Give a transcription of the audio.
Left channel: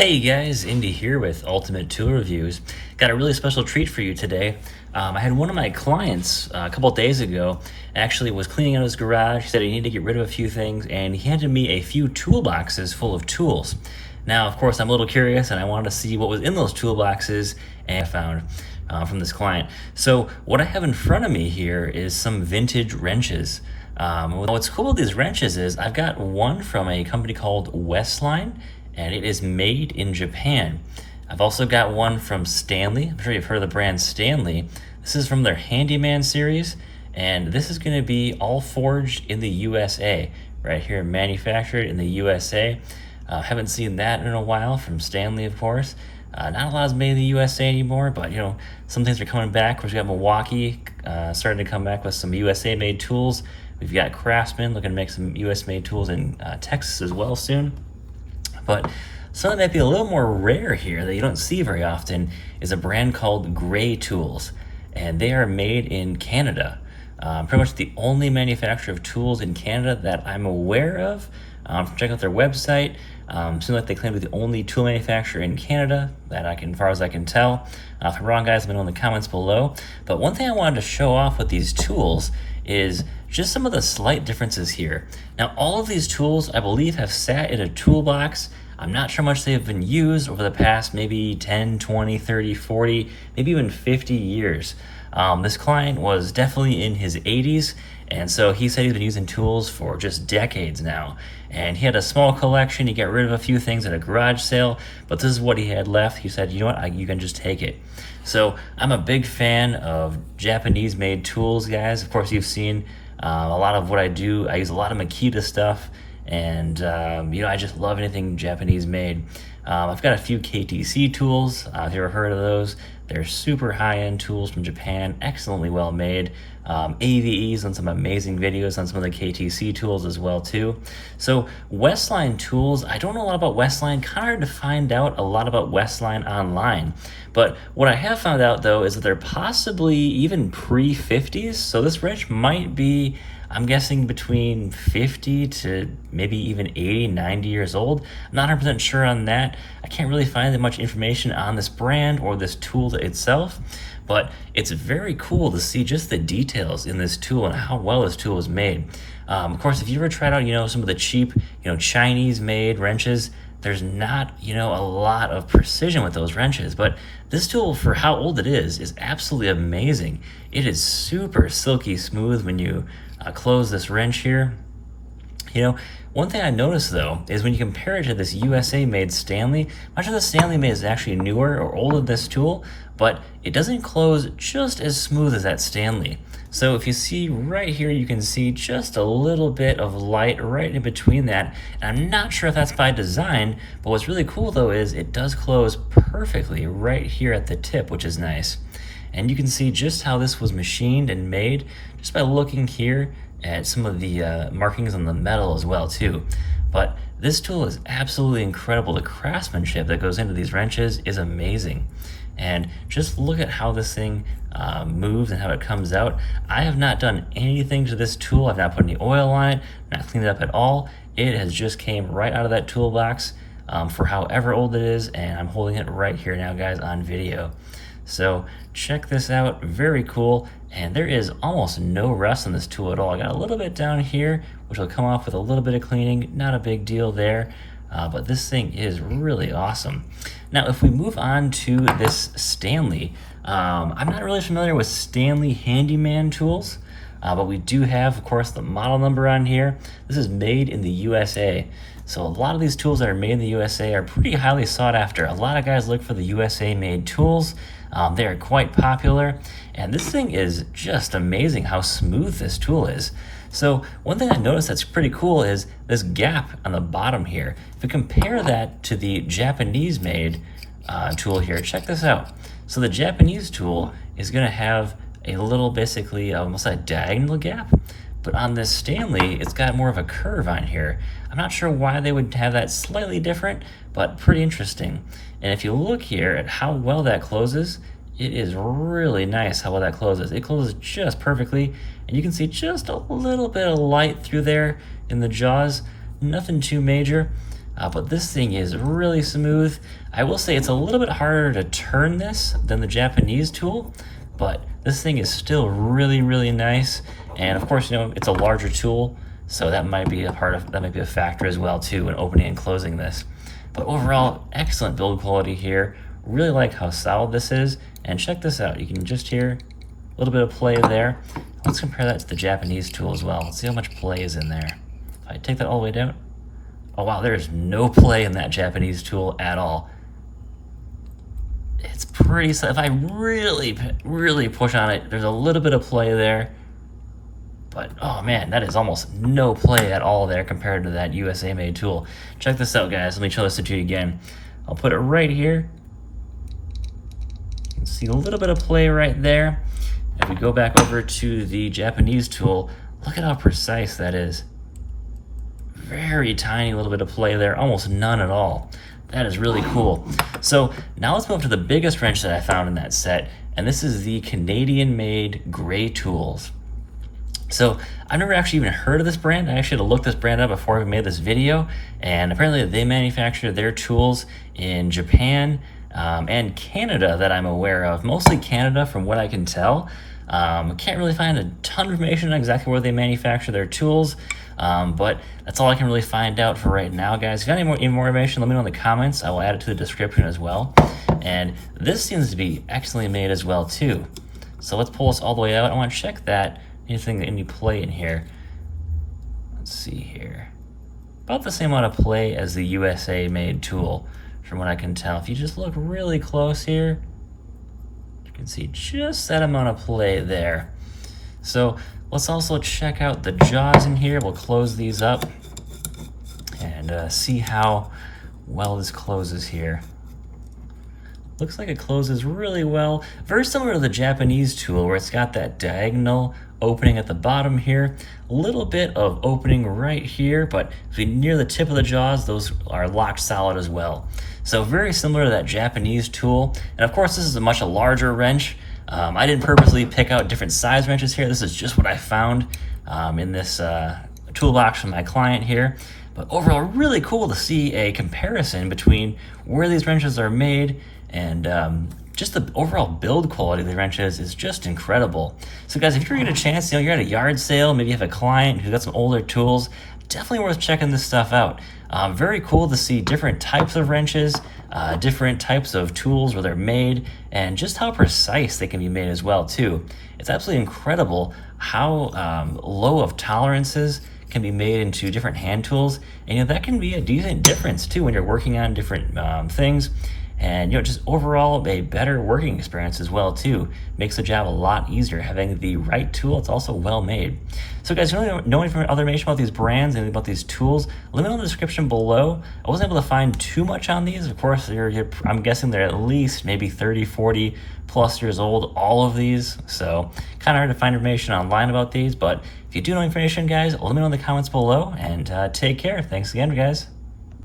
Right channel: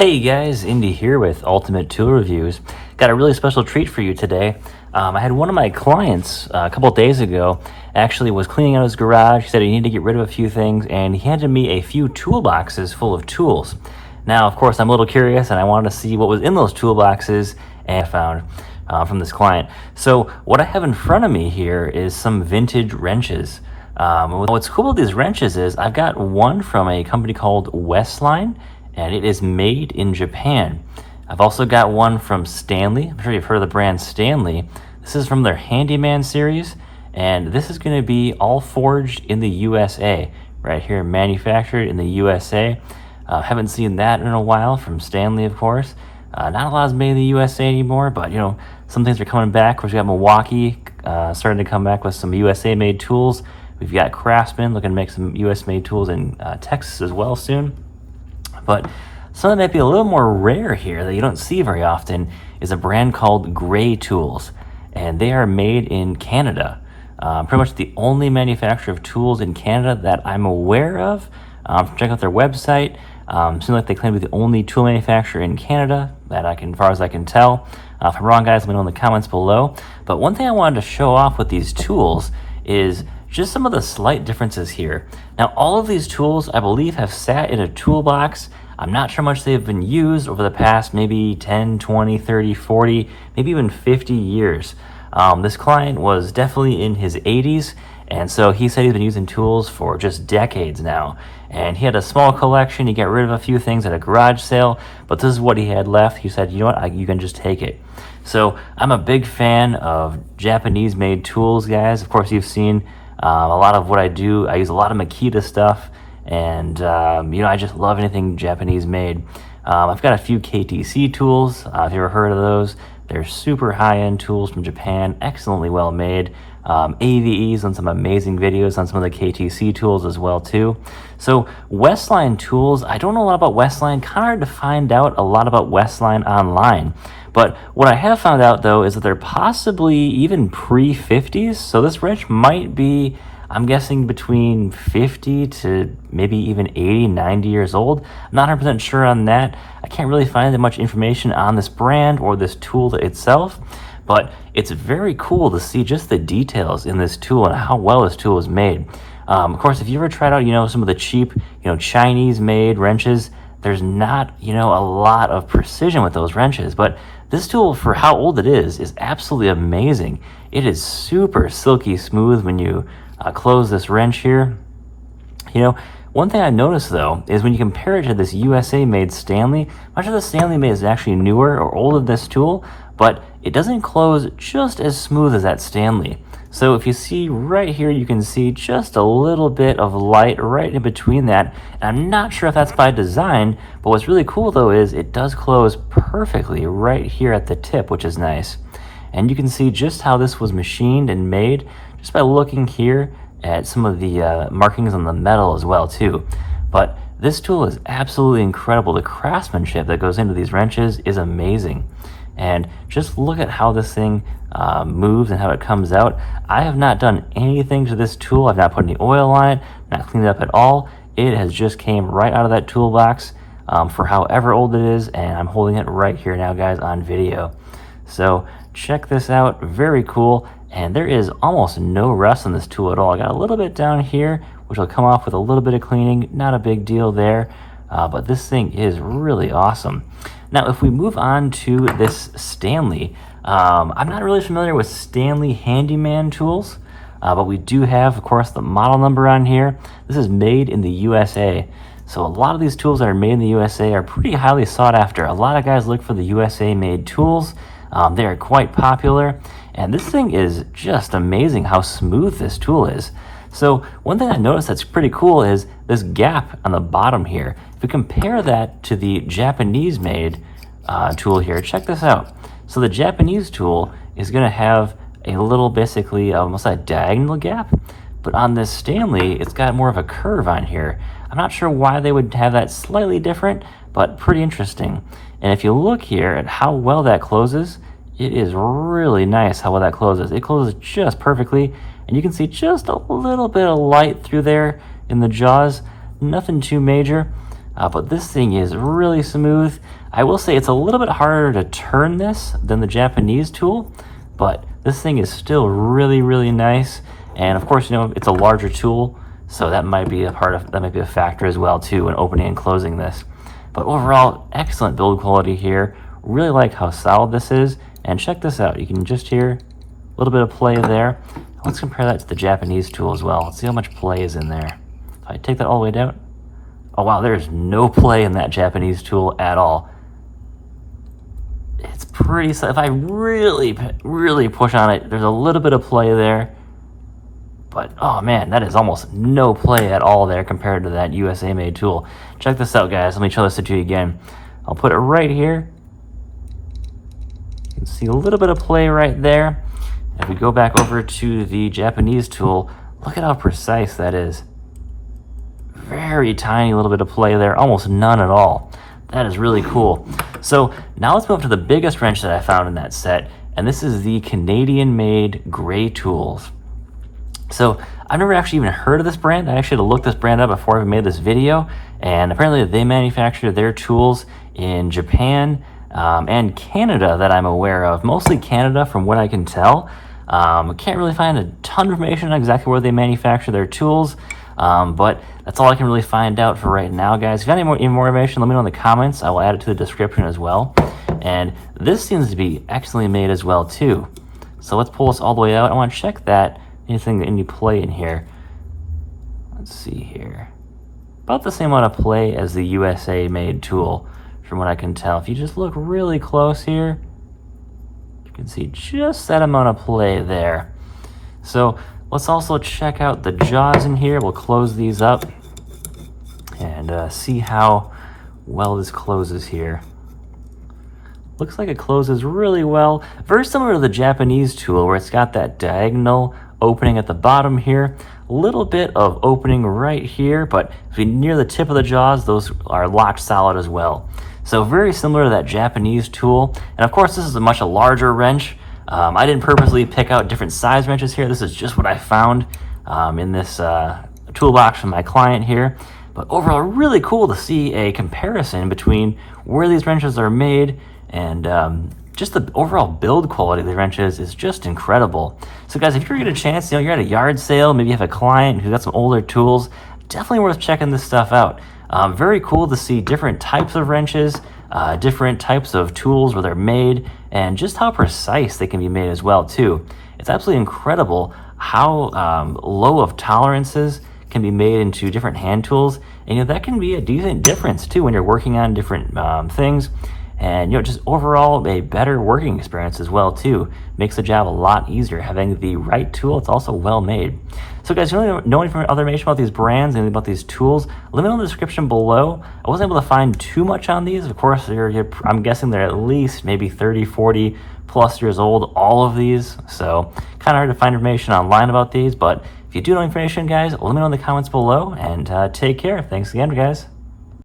Hey guys, Indy here with Ultimate Tool Reviews. Got a really special treat for you today. I had one of my clients a couple days ago actually was cleaning out his garage. He said he needed to get rid of a few things and he handed me a few toolboxes full of tools. Now, of course, I'm a little curious and I wanted to see what was in those toolboxes and I found from this client. So what I have in front of me here is some vintage wrenches. What's cool with these wrenches is I've got one from a company called Westline, and it is made in Japan. I've also got one from Stanley. I'm sure you've heard of the brand Stanley. This is from their Handyman series, and this is going to be all forged in the USA, right here, manufactured in the USA. Haven't seen that in a while from Stanley, of course. Not a lot is made in the USA anymore, but some things are coming back. Of course, we got Milwaukee starting to come back with some USA-made tools. We've got Craftsman looking to make some US-made tools in Texas as well soon. But something that might be a little more rare here that you don't see very often is a brand called Gray Tools, and they are made in Canada. Pretty much the only manufacturer of tools in Canada that I'm aware of. Check out their website. Seems like they claim to be the only tool manufacturer in Canada as far as I can tell. If I'm wrong, guys, let me know in the comments below. But one thing I wanted to show off with these tools is just some of the slight differences here. Now, all of these tools, I believe, have sat in a toolbox. I'm not sure how much they've been used over the past maybe 10, 20, 30, 40, maybe even 50 years. This client was definitely in his 80s, and so he said he's been using tools for just decades now. And he had a small collection. He got rid of a few things at a garage sale, but this is what he had left. He said, you know what, you can just take it. So I'm a big fan of Japanese-made tools, guys. Of course, you've seen a lot of what I do. I use a lot of Makita stuff, and I just love anything Japanese-made. I've got a few KTC tools. If you've ever heard of those, they're super high-end tools from Japan, excellently well made. AVE's on some amazing videos on some of the KTC tools as well too. So Westline tools, I don't know a lot about Westline. Kind of hard to find out a lot about Westline online. But what I have found out though is that they're possibly even pre-50s. So this wrench might be, I'm guessing, between 50 to maybe even 80, 90 years old. I'm not 100% sure on that. I can't really find that much information on this brand or this tool itself. But it's very cool to see just the details in this tool and how well this tool is made. Of course, if you ever tried out, some of the cheap, Chinese-made wrenches, there's not, a lot of precision with those wrenches. But this tool, for how old it is absolutely amazing. It is super silky smooth when you close this wrench here. One thing I noticed though is when you compare it to this USA-made Stanley, much of the Stanley made is actually newer or older than this tool, but it doesn't close just as smooth as that Stanley. So if you see right here, you can see just a little bit of light right in between that. And I'm not sure if that's by design, but what's really cool though is it does close perfectly right here at the tip, which is nice. And you can see just how this was machined and made just by looking here at some of the markings on the metal as well too. But this tool is absolutely incredible. The craftsmanship that goes into these wrenches is amazing. And just look at how this thing moves and how it comes out. I have not done anything to this tool. I've not put any oil on it, not cleaned it up at all. It has just came right out of that toolbox for however old it is, and I'm holding it right here now, guys, on video. So check this out, very cool. And there is almost no rust on this tool at all. I got a little bit down here, which will come off with a little bit of cleaning. Not a big deal there, but this thing is really awesome. Now, if we move on to this Stanley, I'm not really familiar with Stanley Handyman tools, but we do have, of course, the model number on here. This is made in the USA. So a lot of these tools that are made in the USA are pretty highly sought after. A lot of guys look for the USA-made tools. They are quite popular. And this thing is just amazing how smooth this tool is. So one thing I noticed that's pretty cool is this gap on the bottom here. If we compare that to the Japanese-made tool here, check this out. So the Japanese tool is going to have a little, basically, almost a diagonal gap. But on this Stanley, it's got more of a curve on here. I'm not sure why they would have that slightly different, but pretty interesting. And if you look here at how well that closes, it is really nice how well that closes. It closes just perfectly, and you can see just a little bit of light through there in the jaws. Nothing too major, but this thing is really smooth. I will say it's a little bit harder to turn this than the Japanese tool, but this thing is still really, really nice. And of course, you know, it's a larger tool, so that might be a factor as well too in opening and closing this. But overall, excellent build quality here. Really like how solid this is. And check this out. You can just hear a little bit of play there. Let's compare that to the Japanese tool as well. Let's see how much play is in there. If I take that all the way down, oh wow, there's no play in that Japanese tool at all. It's pretty, if I really push on it, there's a little bit of play there. But oh man, that is almost no play at all there compared to that USA made tool. Check this out, guys. Let me show this to you again. I'll put it right here. You can see a little bit of play right there. If we go back over to the Japanese tool, look at how precise that is. Very tiny little bit of play there, almost none at all. That is really cool. So now let's move to the biggest wrench that I found in that set, and this is the Canadian-made Gray Tools. So I've never actually even heard of this brand. I actually had to look this brand up before I made this video, and apparently they manufacture their tools in Japan and Canada that I'm aware of. Mostly Canada from what I can tell. I can't really find a ton of information on exactly where they manufacture their tools, but that's all I can really find out for right now, guys. If you got any more information, let me know in the comments. I will add it to the description as well. And this seems to be excellently made as well too. So let's pull this all the way out. I want to check that any play in here. Let's see here. About the same amount of play as the USA made tool from what I can tell. If you just look really close here, you can see just that amount of play there. So let's also check out the jaws in here. We'll close these up and see how well this closes here. Looks like it closes really well. Very similar to the Japanese tool where it's got that diagonal opening at the bottom here. A little bit of opening right here, but if you're near the tip of the jaws, those are locked solid as well. So very similar to that Japanese tool. And of course, this is a much larger wrench. I didn't purposely pick out different size wrenches here. This is just what I found in this toolbox from my client here. But overall, really cool to see a comparison between where these wrenches are made and just the overall build quality of the wrenches is just incredible. So guys, if you get a chance, you know, you're at a yard sale, maybe you have a client who's got some older tools, definitely worth checking this stuff out. Very cool to see different types of wrenches, different types of tools where they're made, and just how precise they can be made as well too. It's absolutely incredible how low of tolerances can be made into different hand tools, and you know, that can be a decent difference too when you're working on different things. And you know, just overall a better working experience as well too. Makes the job a lot easier having the right tool. It's also well made. So guys, if you really know any other information about these brands and about these tools, let me know in the description below. I wasn't able to find too much on these. Of course, I'm guessing they're at least maybe 30, 40 plus years old, all of these. So kind of hard to find information online about these, but if you do know information, guys, let me know in the comments below, and take care. Thanks again, guys.